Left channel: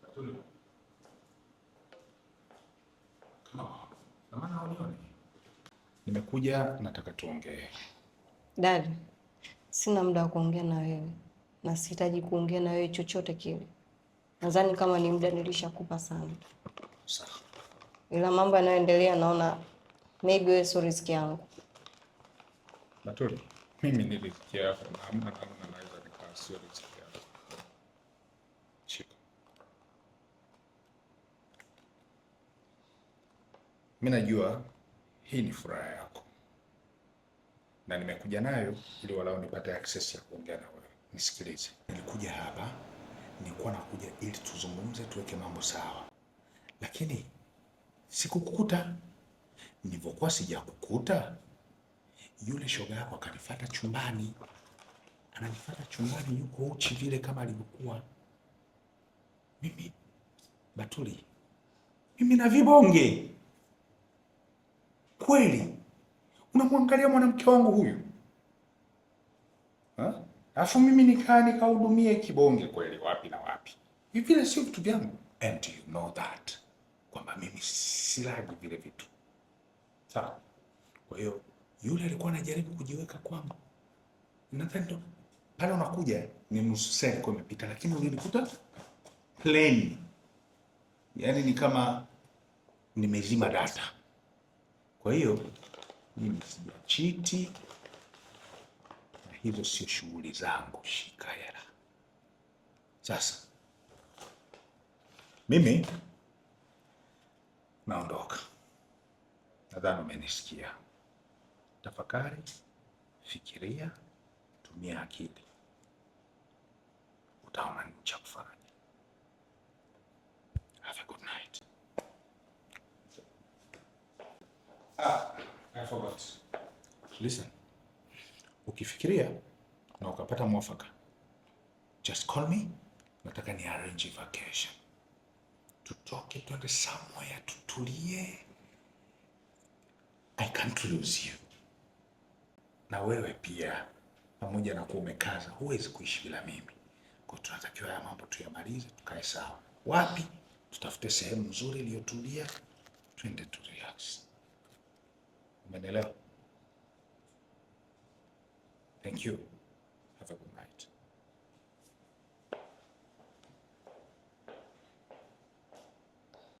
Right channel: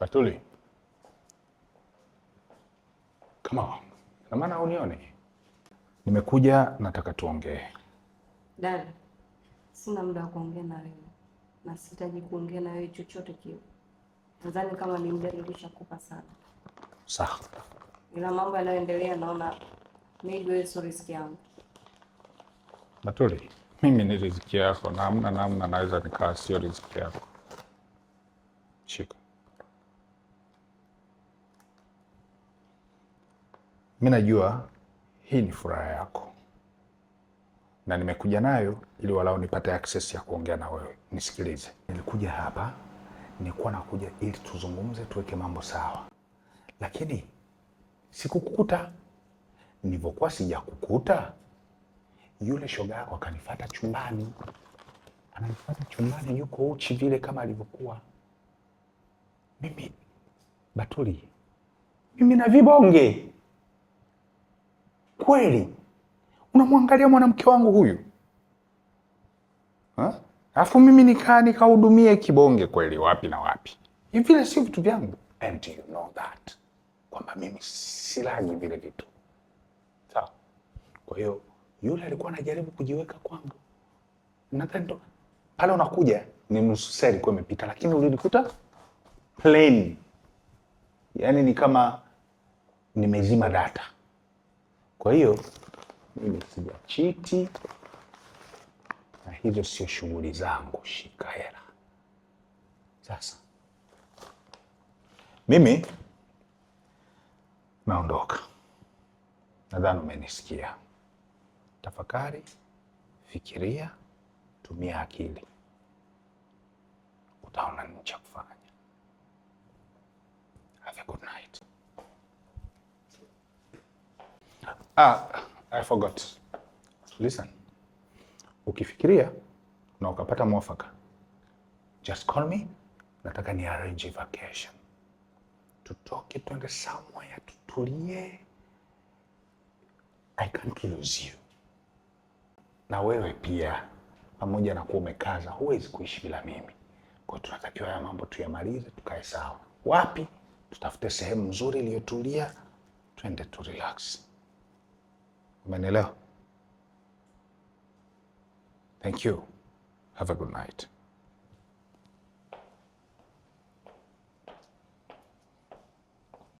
Batuli. Come on. Na maana unione. Nimekuja nataka tuongee. Dad, sina muda wa kuongea na wewe. Na sihitaji kuongea na wewe chochote kile. Nadhani kama ni muda nilishakupa sana. Sawa. Ila mambo yanayoendelea naona maybe wewe sio riziki yangu. Batuli, mimi ni riziki yako na hamna namna naweza nikaa sio riziki yako. Shika. Mimi najua hii ni furaha yako. Na nimekuja nayo ili walau nipate access ya kuongea na wewe. Nisikilize. Nilikuja hapa, nilikuwa nakuja ili tuzungumze, tuweke mambo sawa. Lakini sikukukuta. Nilivyokuwa sijakukuta, yule shoga yako akanifuata chumbani. Ananifuata chumbani yuko uchi vile kama alivyokuwa. Mimi Batuli, mimi na vibonge. Kweli? Unamwangalia mwanamke wangu huyu? Alafu mimi nikahudumie kibonge kweli wapi na wapi? Hivi vile sio vitu vyangu. And you know that. Kwamba mimi silagi vile vitu. Sawa. Kwa hiyo yule alikuwa anajaribu kujiweka kwangu. Nadhani ndo pale unakuja ni nusu saa ilikuwa imepita, lakini ulinikuta plain. Yaani ni kama nimezima data. Kwa hiyo mimi sijachiti na hizo sio shughuli zangu. Shika hela. Sasa mimi naondoka. Nadhani umenisikia. Tafakari, fikiria, tumia akili. Utaona nini cha kufanya. Have a good night. I forgot. Listen. Ukifikiria na ukapata mwafaka, just call me. Nataka ni arrange vacation. Tutoke twende somewhere tutulie. I can't lose you. Na wewe pia, pamoja na kuwa umekaza, huwezi kuishi bila mimi. Kwa hiyo tunatakiwa haya mambo tuyamalize, tukae sawa. Wapi? Tutafute sehemu nzuri iliyotulia, twende tu relax. Umenielewa? Thank you. Have a good night.